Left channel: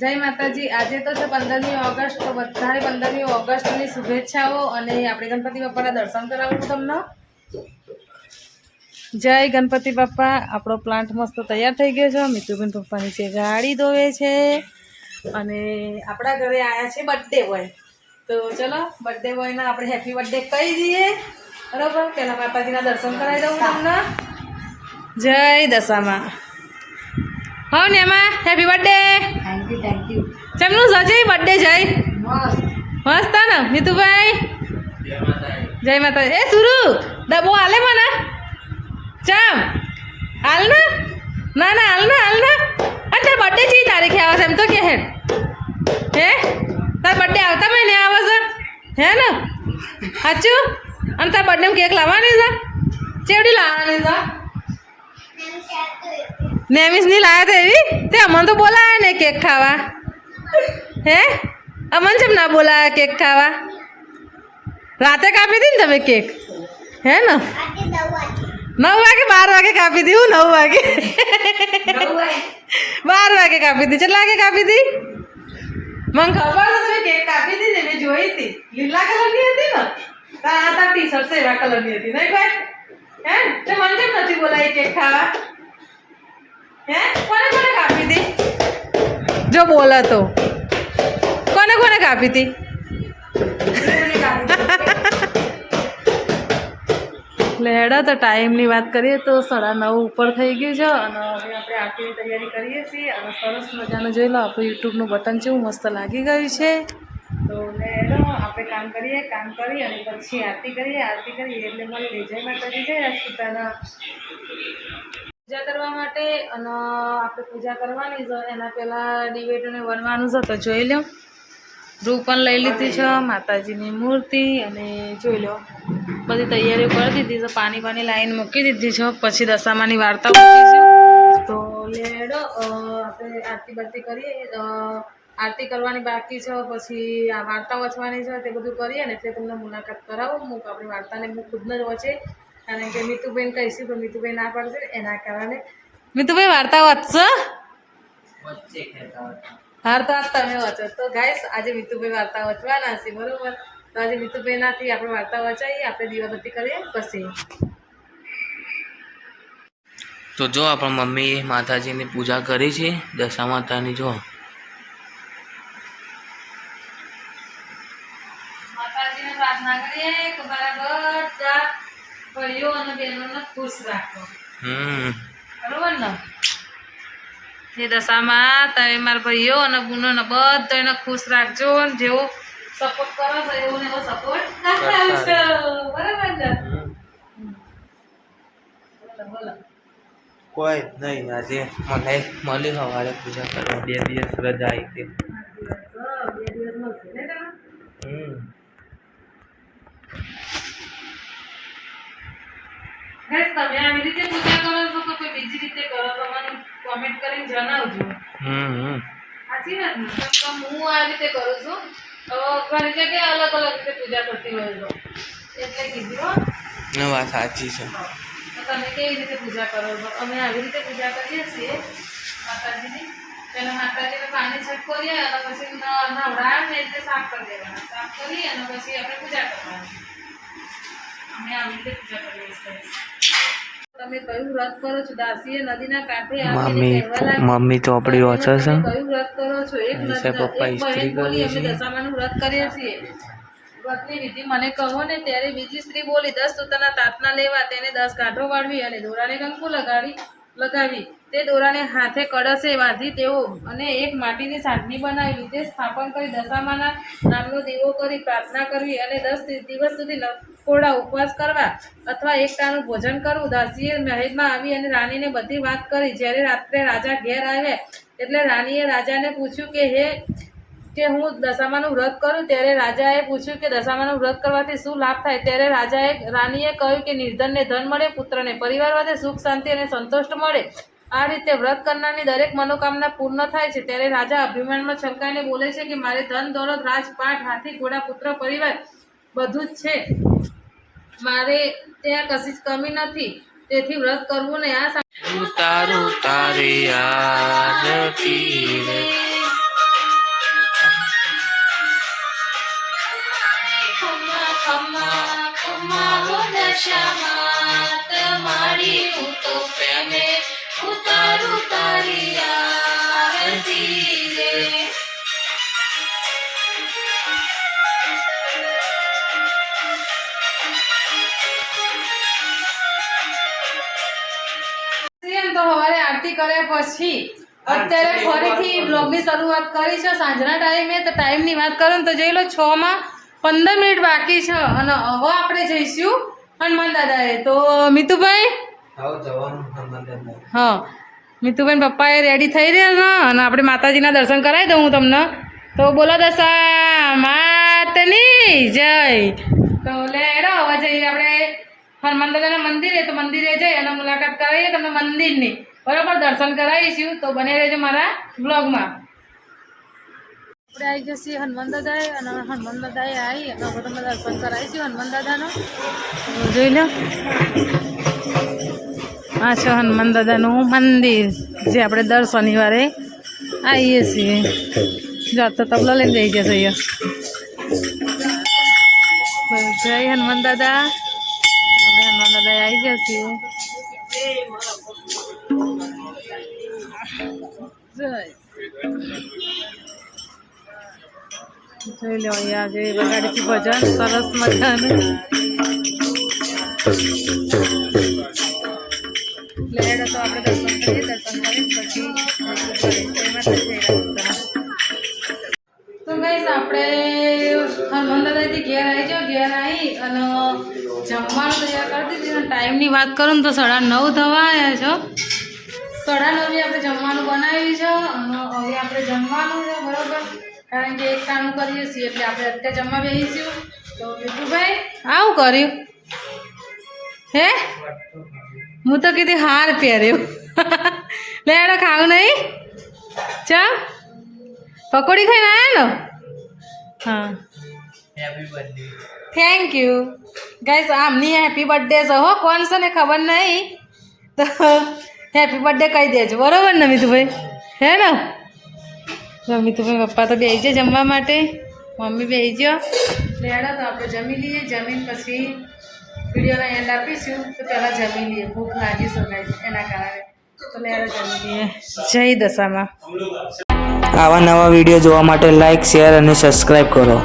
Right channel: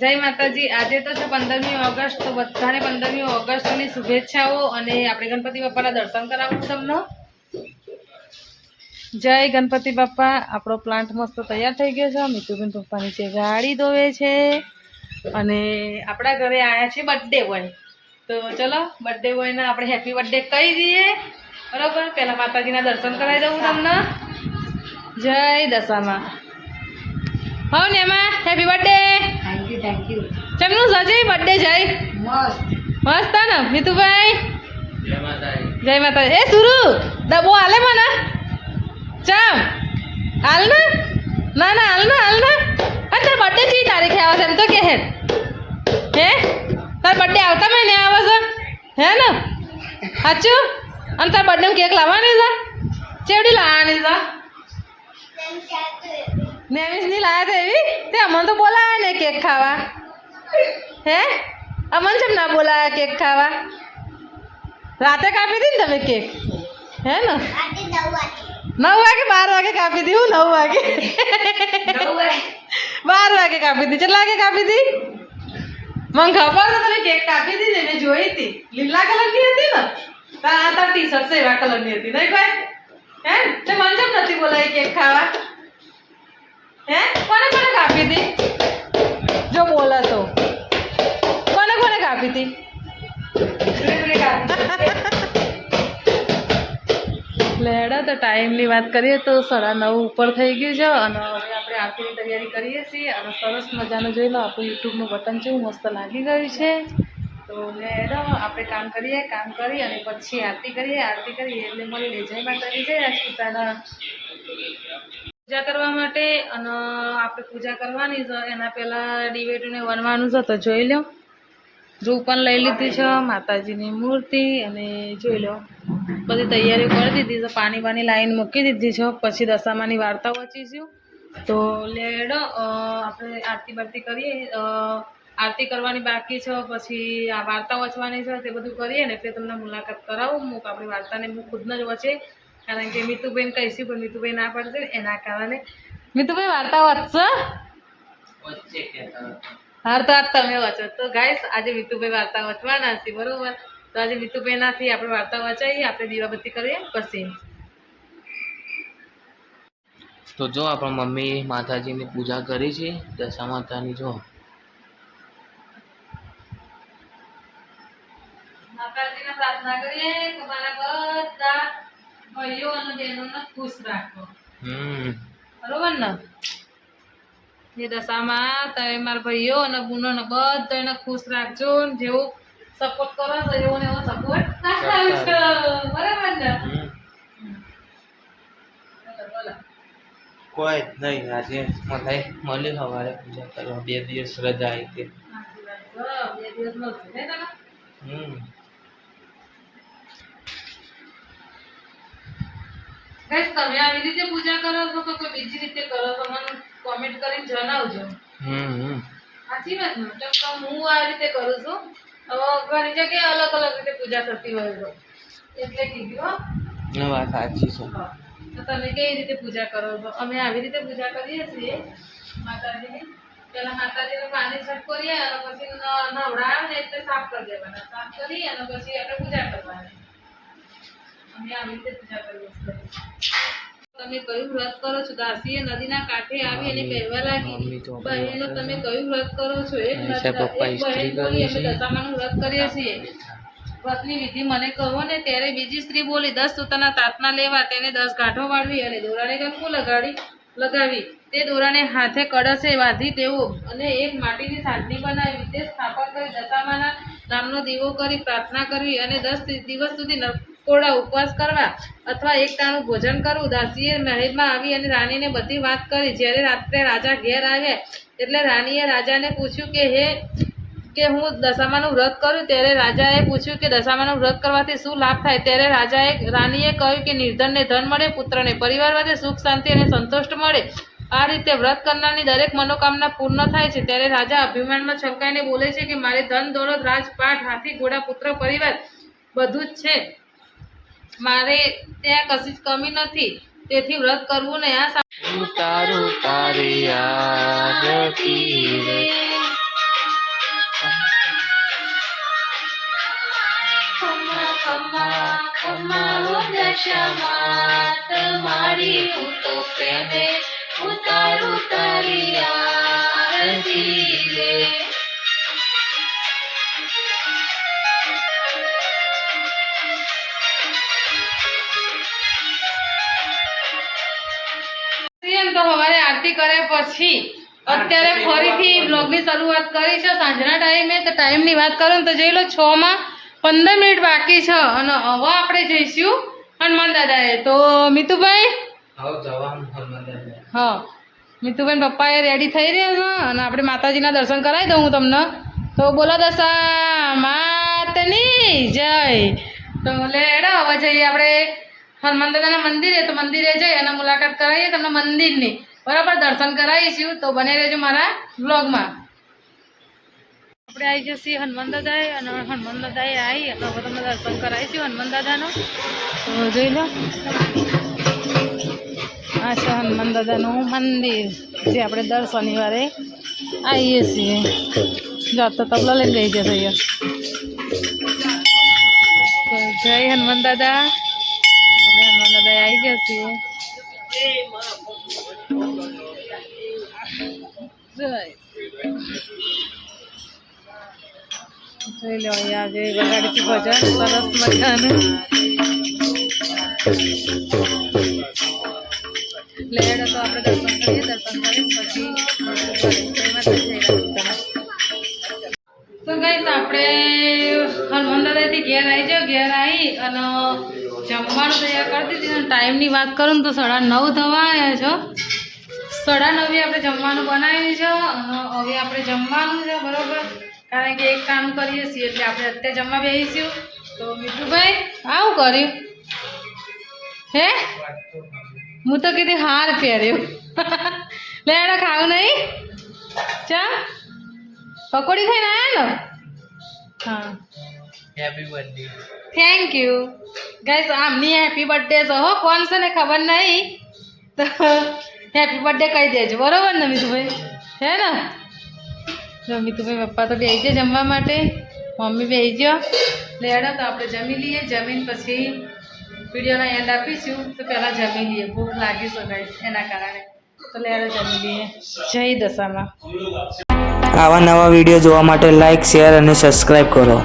જય માતાજી। આજે તો છે 15મી ઓગસ્ટ, તો બધાને 15મી ઓગસ્ટની શુભેચ્છાઓ અને આપણે ગણપતિ બાપાના દર્શન કરાવું તમને। જય ગણપતિ બાપા। આપણો પ્લાન્ટ મસ્ત તૈયાર થઈ ગયો છે। મિતુબેન પપ્પાની છે ગાડી ધોવે છે અને આપણા ઘરે આવ્યા છે બર્થડે બોય। તો ચલો બર્થડે બોયને આપણે હેપી બર્થડે કહી દઈએ, બરાબર। પહેલાં માતાજીના દર્શન કરાવી દઉં તમને। જય દશામાં। हो नेमा हैप्पी बर्थडे। Thank you. चमनु सजे बर्थडे जय मस्त मस्त है ना मीतू भाई। जय माता। ए सुरु डबो आले मना चम आल ना ना ना आल ना अरे बर्थडे ची तारीख है आवाज एम तो के है तार बर्थडे आवता महीने आवाज है ना साचू अन तार बर्थडे में केक लावવાની છે ચેવડી લાવવાની છે नेमिस नहीं लाया थे भी ते अमन तो बोला है ने केक खावा है अमन जब ना बोला है केक खावा रात कापी दी तब केक है ना 9 वागे 12 वागे कापी दी 9 वागे 12 वागे कापी दी चला के कापी दी मन खबर तो तने केक कापी दी ने जोई थी लीला कलर की थी ना ता टी शर्ट सेवा कलर की थी नहीं भाई है ते मन जब नहीं बोला है केक खावा है कोने कोने कापी थी जो बोला तो कोने कोने कापी थी लेड़ा तो टाइम ની વાત કરીએ તો 9:30 ઉપર થઈ ગયું છે અને હવે આપણે આરતીની તૈયારી કરીએ છીએ અને સરસ મજાનું જોઈ લો આપણું યુટ્યુબનું બટન કેવું મસ્ત લાગી ગયું છે। તો લેડો આપણે કામ કરીએ, કામ કરી અને પછી આરતી કરીએ એટલે મળીએ। જય માતાજી, જય રાજપૂતાના। પૂજા કરવા માટે અને આપણે પૂજા કરવાની છે એના પહેલાં ડિબેટોને વનવાનું છે તો જોઈ લો। રૂ પણ લઈ લીધી છે માતાજીની મૂર્તિ અને જોઈ લો બધી તૈયારીઓ કરી દીધી છે, પાણી બાની લાઈન મૂકી દીધી છે। પછી દશામાની વાર્તા મૂકીશું તો લેડો આપણે આરતી બારતી કરીએ। આરતી કરવાની બાકી છે, પછી આ વાર્તા વાંચવાની છે તે બધું કરીએ ને એટલે તમને મુલાકાત કરાવું। હું આપણી વાર્તાને હું ખુદને જ વાંચે કારણ કે મીતુબેન કહીશું પણ મીતુબેન ના પાડશે એના કારણે મીતુભાઈ વાર્તા વાંચશો હાર તો આજ તમે વાંચો। તો ગાઈસ આજે મીતુભાઈ વાર્તા વાંચવાના છે, બરોબર। તો આજે મીતુબેનાથી આપણે વાર્તા વાંચાઈએ, આપણે દીવાબત્તી કરીએ પછી। તો જો આપણા મમ્મી માતાજીની પૂજા કરી છે દશા માતાની। જો માતાજીને પ્રાર્થના કરીએ કે મારા બધા ભાઈઓ અને બહેનોને ખુશ રાખો, બરોબર ને। એ દશામાં તમે મારા ભાઈઓ અને બહેનોને બધાને ખુશ રાખજો, જેવો સપોર્ટ કરો છો એવો ને એવો સપોર્ટ આપજો, બરાબર ને। બોલો કોઈ નહીં, આજે મને મળી સવારે પૂજા કરવા 2 દિવસ રજા આવી હતી। 2 દિવસ મળશે ને તને। ગાઈસ તમે આવી રીતે પૂજા કરો છો કે કોઈ બીજી રીતે કરો છો મને કોમેન્ટ કરીને જણાવજો। સાચી વાત ને? તો હું આ રીતે કરું છું, ઘણી જગ્યાએ અલગ અલગ રીતે પૂજા કરતી હોય તો એટલે કીધું હો। વાત સાચી છે। તો તમે કેવી રીતે પૂજા કરો છો? અમે આવી રીતે પૂજા કરીએ છીએ માતાજીની। પહેલાં માતાજીને પાણી છટકોરીએ અને પછી નવડાવે ને એટલે સાફ કરી દેવાના, સાફ કરી અને પછી આપણે પૂજા કરવાની। અમે આવી રીતે પૂજા કરીએ છીએ। તમે કયું વ્રત કરો છો? દાસીએ નદીના કાંઠે આવીને કહેવા લાગી મમ્મી તો આપણી વાંચે છે। કયું વ્રત કરો છો? એક પપ્પા ઇસ્ત્રી કરી છે। અમે દશામાનું વ્રત કરીએ છીએ। વ્રતની વિધિ મને કહો ને ત્યારે બીજી સ્ત્રી બોલી 10 સૂતરના તાતના લેવા, તેને 10 ગાંઠો વાળવી અને દોરાને કંકુ લગાવી તે દોરાને હાથે કળશે બાંધી તેઓ અને એક માટીની સાંઢણી બનાવી તે સ્થાપન કરી દશામાના નામનો દીવો કરી પ્રાર્થના કરવી અને 10 દિવસ સુધી નકોરડા ઉપવાસ કરવા અથવા એક ટાણું ભોજન કરવું। દાસીએ મહેલમાં આવી અને રાણીને બધી વાત કરી। જ્યારે રાત્રે રાજા ઘેર આવ્યા એટલે રાણીએ રાજાને પૂછ્યું કે હું દશામાનું વ્રત કરું। ત્યારે રાજાએ પૂછ્યું કે દશામાનું વ્રત કરવાથી શું લાભ થાય? ત્યારે રાણીએ કહ્યું કે નિર્ધનને ધન મળે, પુત્રને પરિવાર વધે, સુખ શાંતિ અને સંતોષ મળે। આ રીતે વ્રત કરનારની દરેક મનોકામના પૂર્ણ થાય છે। ત્યારે રાજા અભિમાનમાં છલકાઈને બોલે છે કે મારે ધન દોલત રાજપાટ હાથી ઘોડા પુત્ર પરિવાર બધું જ છે, મારે ત્યાં કશી જ કમી નથી, તેથી વ્રત કરવું નહીં। આ તારી આરતી આશામાં તમારી હું તો પ્રેમે ઉતારું તારી આરતી રે. તો સવારે આરતી કરે પછી અત્યારે ફરીથી બ્લોગની શરૂઆત કરી છે સાંજના ટાઈમે. તો ટાઈમની વાત કરું ને તો જોઈ લો 6:15 બાકી છે અને હવે આપણે જઈશું હનુમાન દાદાએ. તો મિતુભાઈ હા મિતુભાઈ પપ્પા એ રેડી થઈ રહ્યા છે અને આપણે માતાજીના દર્શન કરાવી દઉં હું તમને. તો બોલો દશા માતની જય. તો લેડો હવે જઈએ આપણે હનુમાન દાદાના મંદિરે. તો મંદિરે જઈ અને મુલાકાત કરાવીએ તમને મંદિરની, બરાબર દર્શન કરાવીશું. તો બને રહેજો મારા બ્લોગમાં. આપણે આવી જઈએ હનુમાન દાદાએ અને હનુમાન દાદાએ આવી અને હવે તમને દર્શન કરાવીશું હનુમાન દાદાનો. જોઈ લો આ છે હનુમાન દાદાનું મંદિર જે આપણે દર શનિવારે આવીએ છીએ. જાત તો તબલા લઈને જઈ જશે અહીંયા. જય હનુમાન દાદા. આપણે હનુમાન દાદા આવી જશે. જોઈ લો અહીંયા જે બગાડીથી ભજન સરસ મજાનું. લેડો તો આપણે દર્શન કરીએ. દર્શન કરીને પછી તો ગઈશ આપણે હનુમાન દાદાથી ઘેર આવી જાઓ. ઘેર આવી અને જમવાનું તૈયાર કરી દીધું. ટાઈમની વાત કરું ને તો 9:30 થવા આવ્યા છો. 9:30 આપણે જમવાનું બનાવ્યું છે અને હવે આપણે જમવાનું છે બરાબર, કારણ કે એક કામ કરીએ છીએ એટલે આપણે અત્યારે જમવા બેસીશું. તો મિતુભાઈ આવું કર્યું હે? હું તો કીધી હાર પહેર્યો. લેડો ખાવું નહીં? ચા પકોડી ખાઈને આવ્યા ને? હા happy birthday. Thank you guys. આમની હેપી બર્થડે છે હો, કોણ છે ને ખબર નહીં. તો હેપી બર્થડે કહી દેજો બરાબર ને મિતુભાઈ? હે ને? મિતુભાઈ પપ્પા તો બેસી જાય જમવા માટે, મમ્મી બેસી ગયો. લેડો તો આપણે જમી લઈએ. જમીન પછી વિડીયોના એન્ડ આપીશું. તો પહેલાં જમી લઈએ, ભૂખ લાગી શકાય એના કારણે. તો લેડો જમી લઈએ. જય દશામાં. આવા નવા વિડીયો જોવા માટે લાઈક, શેર અને સબસ્ક્રાઈબ કરો.